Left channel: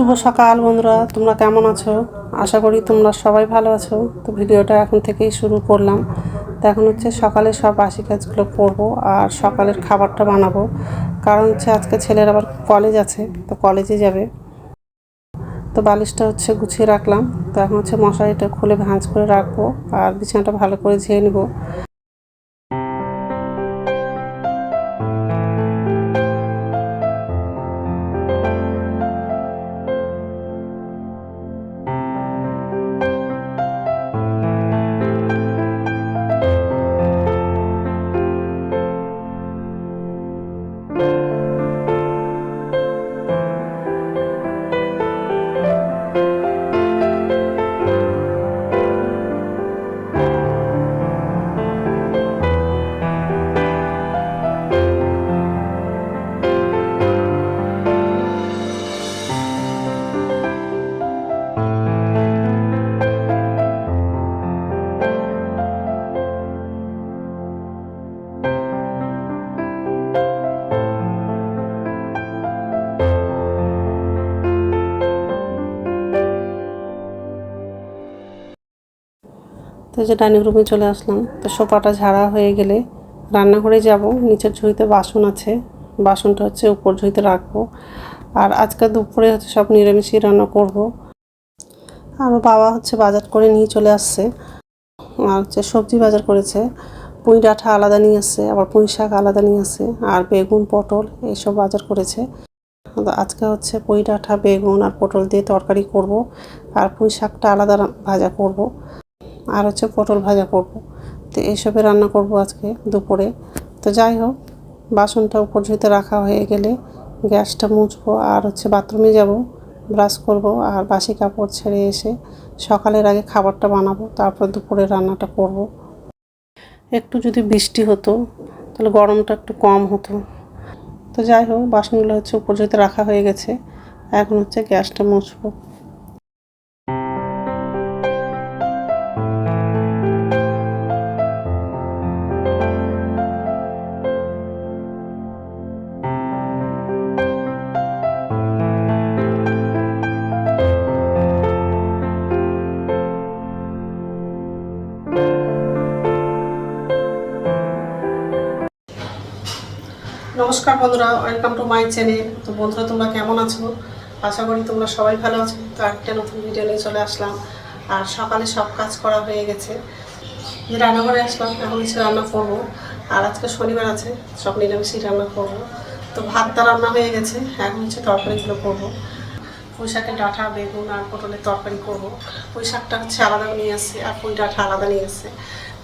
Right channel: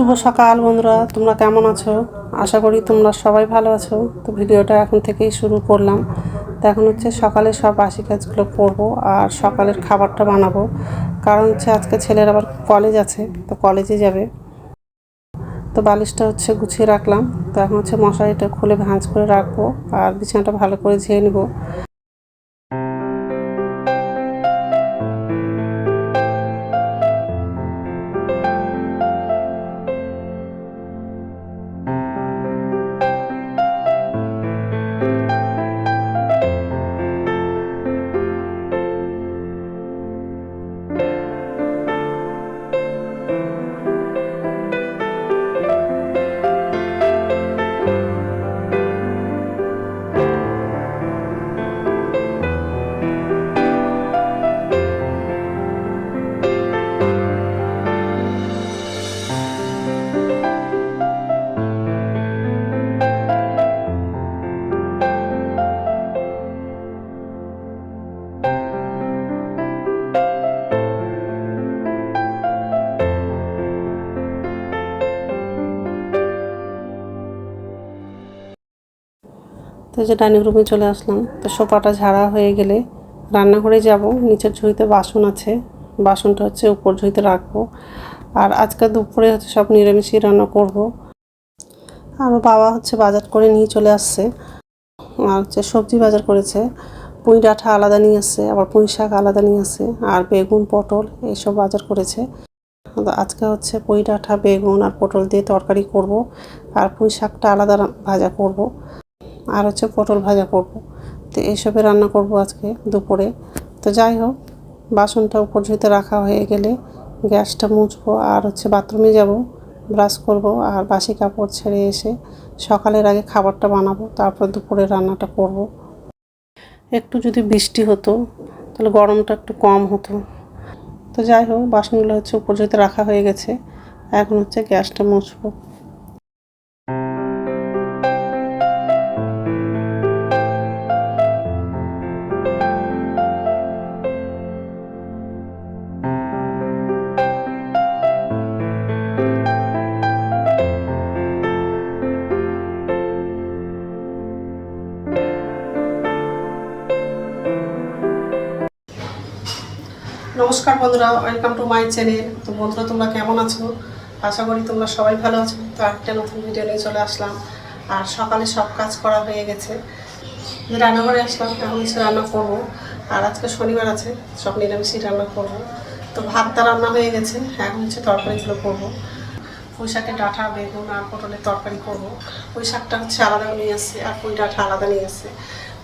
শুভ সকাল বন্ধুরা, তোমরা কেমন আছো? আশা করি তোমরা সবাই ভালো আছো। তো ভিডিওটা এখন থেকেই শুরু করলাম। তো এখন হচ্ছে সকালে সব বাসি কাজগুলো করবো আর সকালের খাবারটা বানাবো, কারণ হচ্ছে আজকে ছেলের আবার কলেজ আছে, তো কলেজে যাবে। তো বালিশটা হচ্ছে গুছিয়ে রাখলাম। তো এখন হচ্ছে মশারিটা খুলে ভাঁজ করে রাখবো আর বিছানাটা ভালো করে ঝেড়ে নেবো। তো যে ডাইনিং রুমে চলে আসলাম। তো সোফাটা ঝাড়া হয়ে গেলে রান্নাঘরে যাব। নিচের ঝুড়িতে বাসন আছে, বাসনটা হচ্ছে উপর ঝুড়িতে রাখবো। আর আজকে দুপুরে হচ্ছে সব নিরামিষই রান্না করব। আমার বাবা হচ্ছে বাজার করে নিয়ে চলে আসছে। আর হচ্ছে সবজি বাজার করেছে, পুঁই ডাঁটা আলাদা নিয়ে আসছে, আবার পুঁই শাক আলাদা নিয়ে আসছে, আর বেগুন পটল এইসব বাজার করেছে। আজকে হচ্ছে পুঁই ডাঁটা বেগুন আর পটল দিয়ে তরকারি করব, আর পুঁই শাকটা আলাদা ভাজা করব, আর হচ্ছে পটল ভাজা করব। তো এইসবে রান্না করব আজকে দুপুরে। তো যাই হোক, বাসনটা উপর ঝুঁতে রাখা হয়ে গেলে গ্যাসটা মুছবো আর হচ্ছে বাথরুমে যাব, ব্রাশ করব আর বাসি কাপড় ছেড়ে এসে সকালের আগে খাবারটা বানাবো, তারপর দুপুরে রান্নাটা করব। একটু যদি বৃষ্টি হতো তাহলে গরমটা একটু কম হতো। তো যাই হোক, বাসনগুলো হচ্ছে উপর ঝুঁতে রাখা হয়ে গেছে, এখন হচ্ছে গ্যাসটা মুছবো। নমস্কার বন্ধুরা, ওয়েলকাম টু মাই চ্যানেল। তো বন্ধুরা, তোমরা কেমন আছো? আশা করি তোমরা সবাই ভালো আছো। তো একটা নতুন ভিডিও নিয়ে চলে আসলাম। আর সকালে সব কাজ করা হয়ে গেছে, রান্নাঘরে আসলাম, এখন হচ্ছে রান্না করবো। আর আজকে শনিবার আছে, সব নিরামিষই রান্না করব। তো ভাতটা রান্না হয়ে গেছে, এখন হচ্ছে তরকারিগুলো করবো। পুঁই শাকের ডাঁটা বেগুন আর পটলের তরকারি করব। পুঁই শাকটা হচ্ছে আলাদা নিয়ে আসছে আর পুঁই ডাঁটা আলাদা নিয়ে আসছে।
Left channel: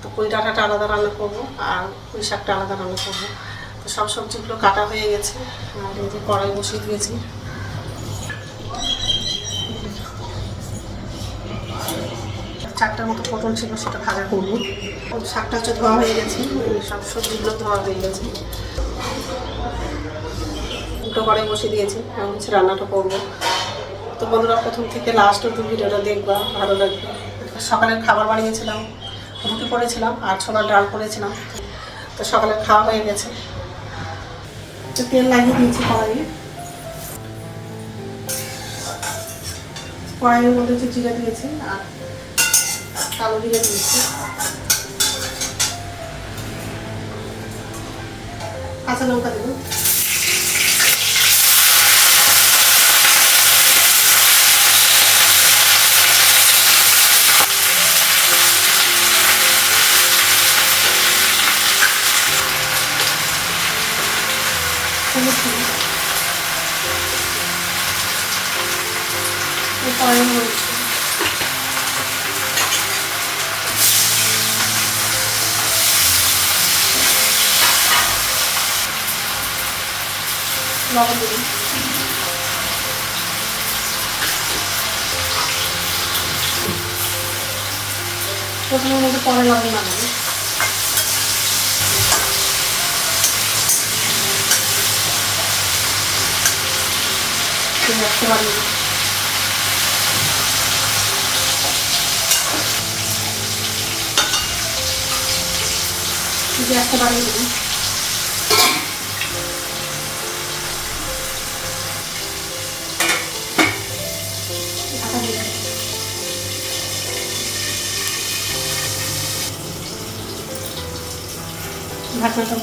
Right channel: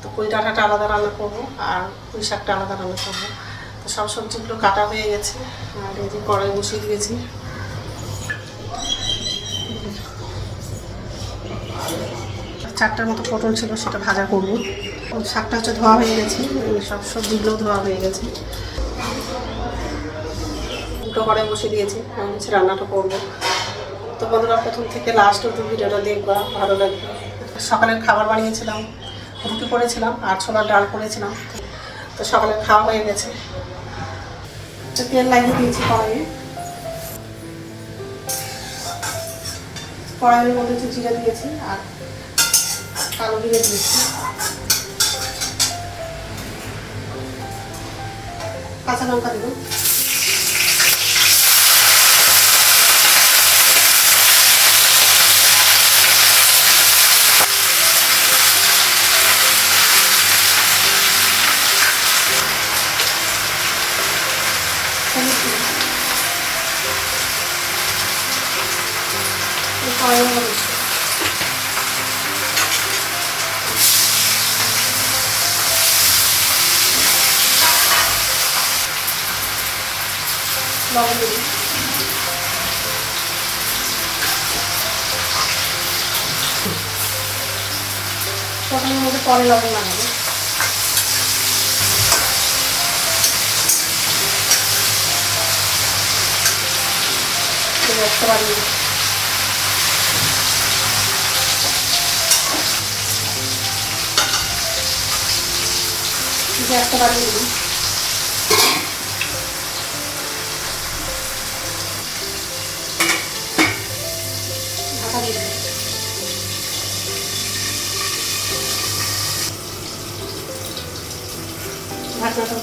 তো পুঁই ডাঁটাটা আলাদা রান্না করব আর পুঁই শাকটা আলাদা রান্না করব। তো সব সবজিগুলো কাটা হয়ে গেছে আর এই যে কড়াই বসিয়ে দিয়েছি। চারটার মতো পটল ছিল, সেটা ভাজা করবো। শাকটা হচ্ছে ধোয়া হয়ে গেছে, সব সবজিগুলো ধোয়া হয়ে গেছে। দুটো কড়াই বসিয়ে দিয়েছি, এখন হচ্ছে রান্নাটা করবো। তো বন্ধুরা, প্রথম থেকে লাস্ট অব্দি ভিডিওটা দেখবা, ভালো লাগবে। সকালের খাবার বানিয়েছিলাম, রুটি করেছিলাম আর ছোলার ডাল করেছিলাম। তো সকালের খাওয়া হয়ে গেছে। তেল লাগিয়ে দিয়েছি কড়াইয়ে। কড়াইয়ের মধ্যে হচ্ছে জিরে দিয়েছি আর কালো জিরে দিয়েছি, কাঁচা লঙ্কা দেবো। কড়াইয়ের মধ্যে লবণ দেবো। প্রথমের মধ্যে পরে লবণ লাগাবো। একটা বাড়িয়ে একটা বাড়িয়ে দেবো।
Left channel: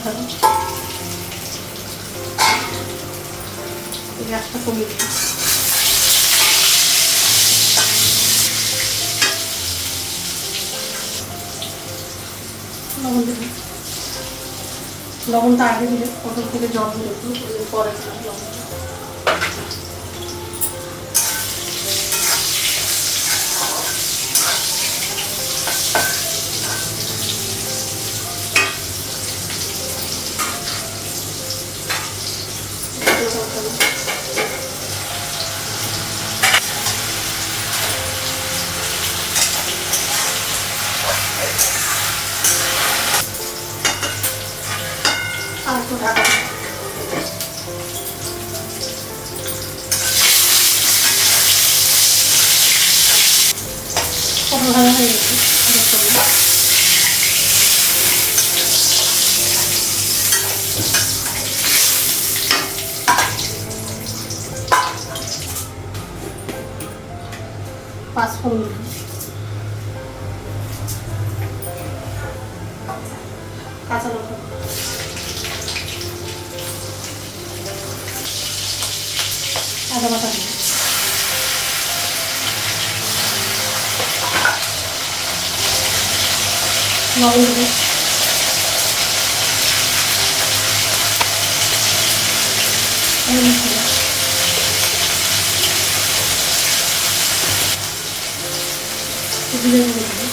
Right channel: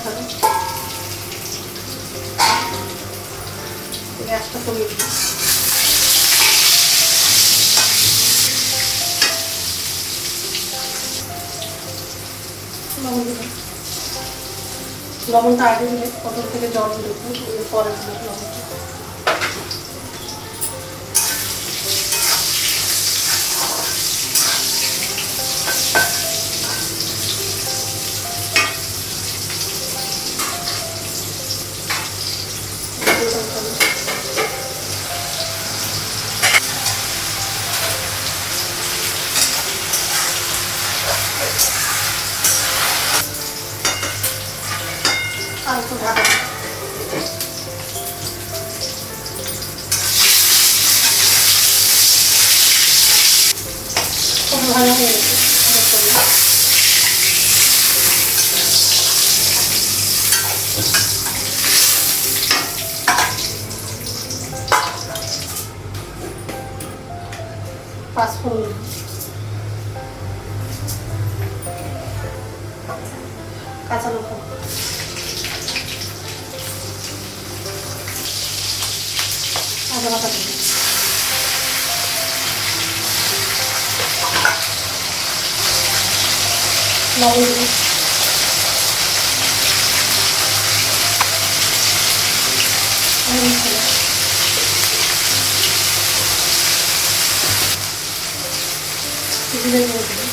ধরো, গ্যাসটা কমিয়ে দিই। লবণ দিলাম, লবণটা আগে দিলে পটল থেকে জল দিলে পরে লবণ। আর একটু ঢাকা দিই। পটল ভাজা হয়ে গেছে, 5 ফোড়ন, কাঁচা লঙ্কা, আদা বাটা, লবণ দেবো, জিরে গুঁড়ো দেবো,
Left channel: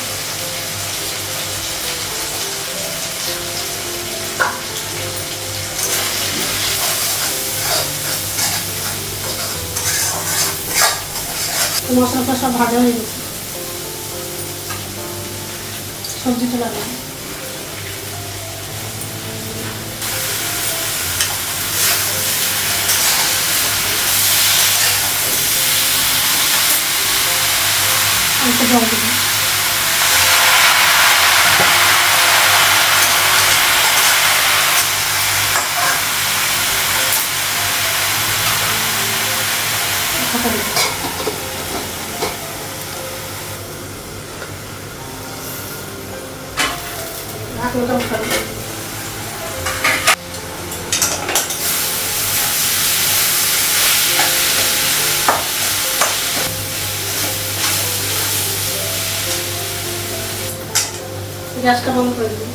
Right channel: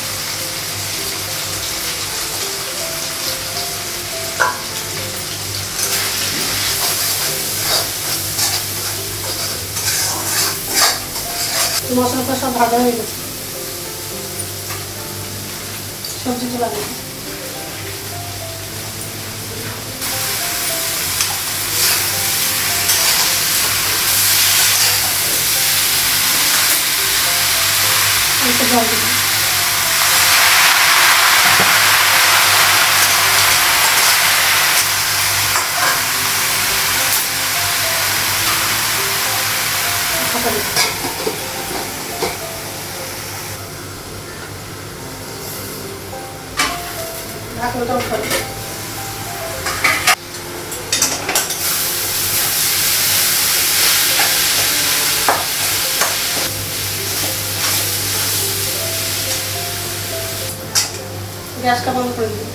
মশলাটা সব ভাজা হয়ে গেছে, সবজিটা লাগাবো। অল্প জল দেবো, ঢাকা দেবো। ঢাকনাটা উঠাবো। গ্যাসটা বন্ধ করে দিই।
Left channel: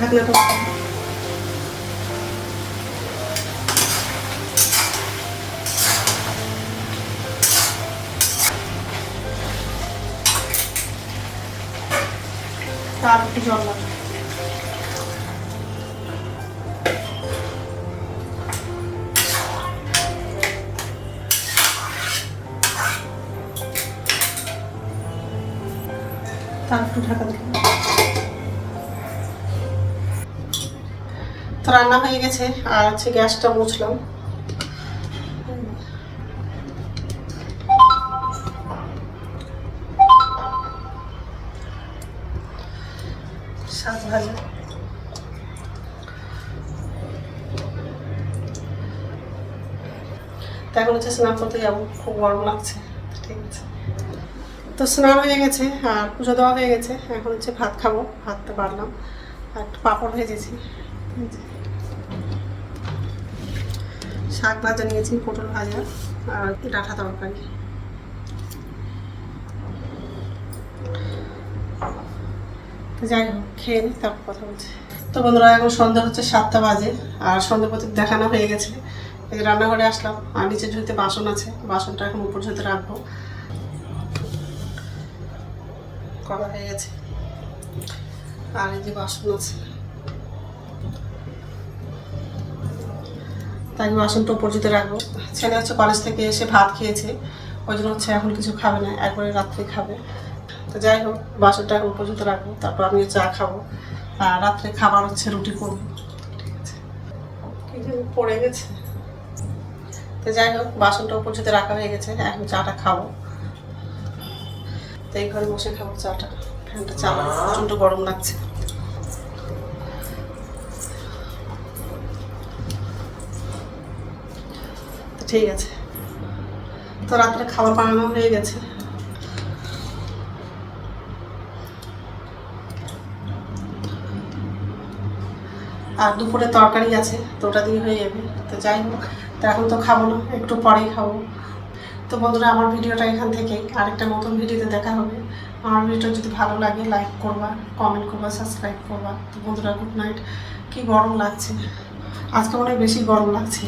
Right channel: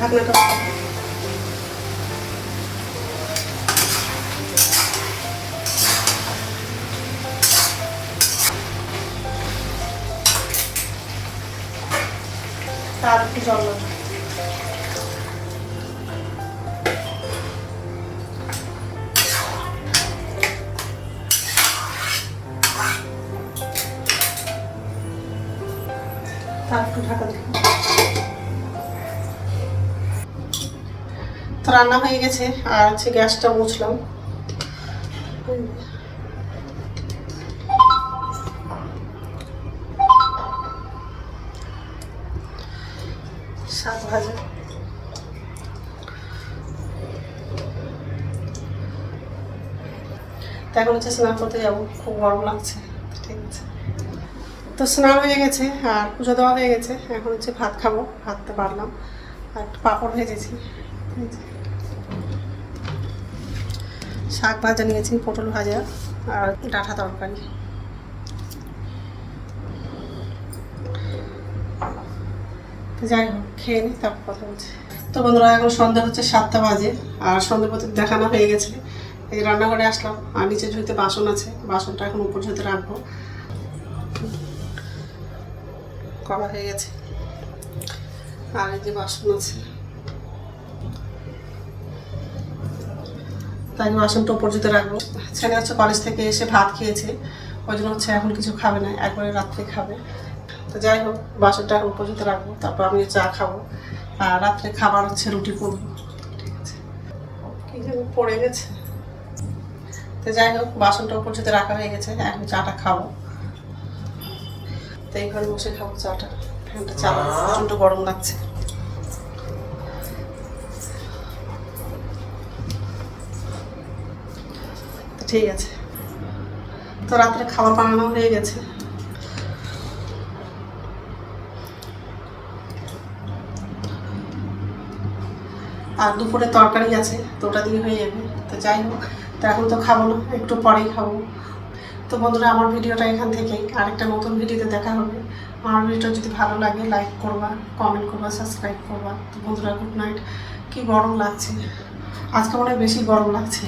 ঢাকনাটা তার একটু জল লাগবে। তার একটু ঢাকা দিই। তো রান্না হয়ে গেছে, আর হচ্ছে গ্যাসটা মুছলাম। শাক ভাজা, তো এখন হচ্ছে স্নান করতে যাবো, খুব গরম লাগছে। ঠিক আছে, তো স্নান হয়ে গেছে আর পুজো দেওয়া হয়ে গেছে, এখন হচ্ছে ভাত খাবো। ভাতটা বাড়লাম আর একটু পাঁপড় ভেজেছি, শাক ভাজা নিয়েছি, পটল ভাজা আর ডাঁটা তরকারি। তো যাই হোক, খেয়ে নিই, তারপর কথা বলছি। তো বন্ধুরা, এখন সন্ধ্যা হচ্ছে 7টা বাজে, আর সন্ধ্যা প্রতীক দেখানো হয়ে গেছে। এই রান্নাঘরে আসলাম, আর নিচে ঝুড়িতে বাসন আছে, বাসনটা এখন উপর ঝুড়িতে রাখবো। করা হয়ে গেছে, আর এই যে বাসন আছে, তাই বাসনটা উপর ঝুড়িতে রাখবো। ছেলে হচ্ছে কলেজ থেকে এসে ভাত খেয়েছে, ওই জন্য হচ্ছে এখন কিছু খাবে না, একবারে রাত্রে খাবে। তো যাই হোক, বাসনটা এখন উপর ঝুড়িতে রাখবো, তারপর আমি চা খাবো, আর রাত্রে খাবার হচ্ছে রুটি করবো। ঠিক আছে, কি যেন পড়ে গেছে। তো যাই হোক, বাসনটা উপর ঝুড়িতে রাখা হয়ে গেছে, এখন চাটা খাবো। তো এই ঘরে বসে খাবো চাটা, ফ্যানটা চালাবো, প্রচণ্ড গরম লাগছে। তো ঠিক আছে, তো রাত্রে খাবার বানানো হয়ে গেছে। আর দুপুরে তরকারি আছে, তো ওটা দিয়ে হয়ে যাবে। তো যাই হোক, তো এখন তো খাবো না, একটু পরেই খাবো। তো বন্ধুরা, আমার ভিডিওটা এখান থেকেই, আরেকটা নতুন ভিডিওতে দেখা হবে। আমার ভিডিওটা যদি ভালো লাগে লাইক করবা, কমেন্ট করবা, সাবস্ক্রাইব করবা। তো বন্ধুরা, গুড নাইট। কি গরম লাগছে আজকে, মনে হয় বেশি গরম লাগছে।